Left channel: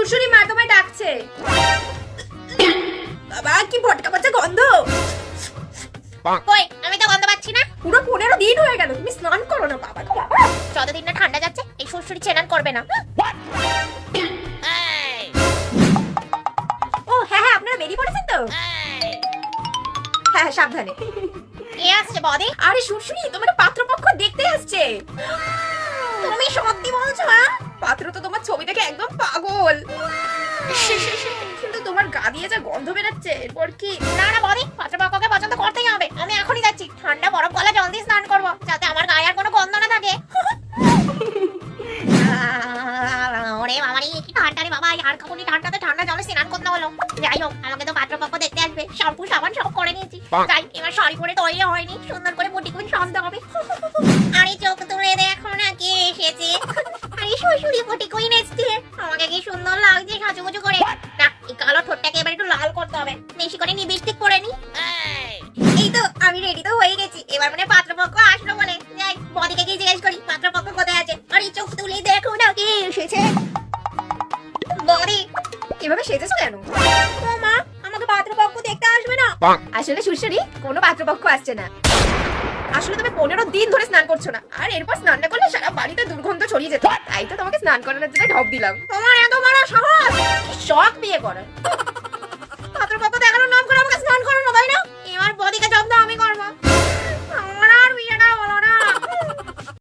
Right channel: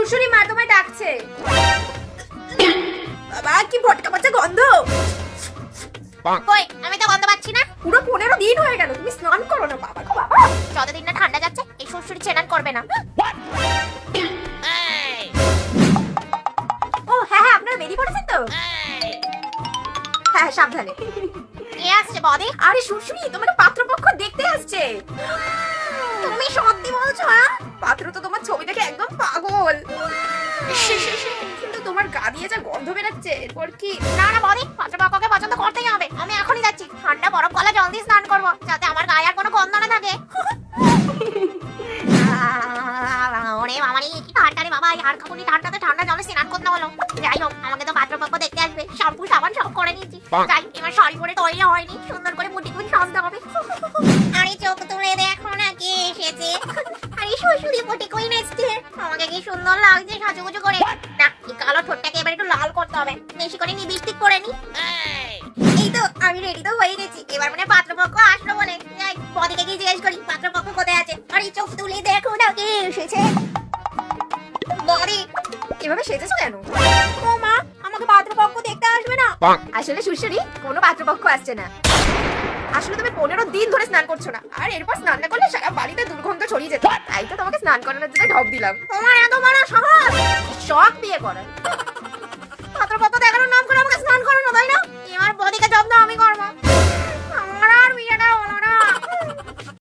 শুশুরি মা তোমায় ডাকছে। বাবা কি ভটকা পচা গন্ধ। কই আমি তো গন্ধ পাচ্ছি না। পুরো 15 দিন হয়ে গেল তুমি স্নান করো না বাবা গো বাবা। যতদিন না ঠান্ডা যাচ্ছে এই শ্বশুরি চেনান করবে না। ও হ্যাঁ হ্যাঁ আপনারা বেরিয়ে পড়েছেন তো? হ্যাঁ হ্যাঁ সাবধানে। কে আসছে বদি? আরে শ্বশুরি তোমার পাত্রপক্ষ দেখতে আসছে। তুমি সত্যি বলছো? পাত্র তো তোমার ছবি দেখে একদম পাগল। কিন্তু তোমার গা দিয়ে যা গন্ধ বেরাচ্ছে এরপর কি? না না বদি, পাত্রপক্ষকে পছন্দ করতেই হবে। আমি এখনই যাচ্ছি, ঠান্ডা বরফ গলা জল দিয়ে স্নান করবো যাতে আমার গায়ে আর কোনো গন্ধ না থাকে। ওরে বাবা রে কি ঠান্ডা রে বাবা, এই হাড় কাঁপুনি ঠান্ডাতে ঠান্ডা জলে স্নান করতে হলো। যাই হোক আমাকে তো পাত্রপক্ষ দেখতে আসবে, শ্যাম্পু সাবান সব করে নিয়েছি। যাই এবার শাড়ি পরে তৈরি হয়নি, সুন্দর করে মুটি কুটি সাজতে হবে। আরে চোখ তুলে দেখো না কে এসেছে। আরে শ্বশুরি মুটি কই নাচছে, আমাকে কি সুন্দর লাগছে সাজুগুজু করে। না এই কালো ঠোঁটটাকে এবার একটু লাল করতে হবে, বেশি করে লিপস্টিক করে নি। এই তো আমি রেডি তো হয়ে গেছি, এবার মানে পাত্রপক্ষ আসলো বলে। যাই বদিকে গিয়ে জিজ্ঞেস করি পাত্রপক্ষ কোথায় আছে। আরে চোখ তুলে দেখো না কে এসেছে। বদি এভাবে সেজেছো কেন? ও মা আমাকে পাত্রপক্ষ দেখতে আসবে না? আসলে শ্বশুরি কোনো পাত্রপক্ষ আসছে না। আসলে তুমি 15 দিন ধরে স্নান করছো না, আর এরপর স্নান না করলে সারা বাড়িতে দুর্গন্ধ ছড়িয়ে যেত। তাই তো তোমাকে স্নান করানোর জন্য ঢপ দিলাম। তোমার এত বড় সাহস, শখ বিয়ে করার। পাত্রপক্ষ দেখানোর নাম করে আমাকে স্নান করো না তাই না? এবার বদিকে জব্দ আমি করবো।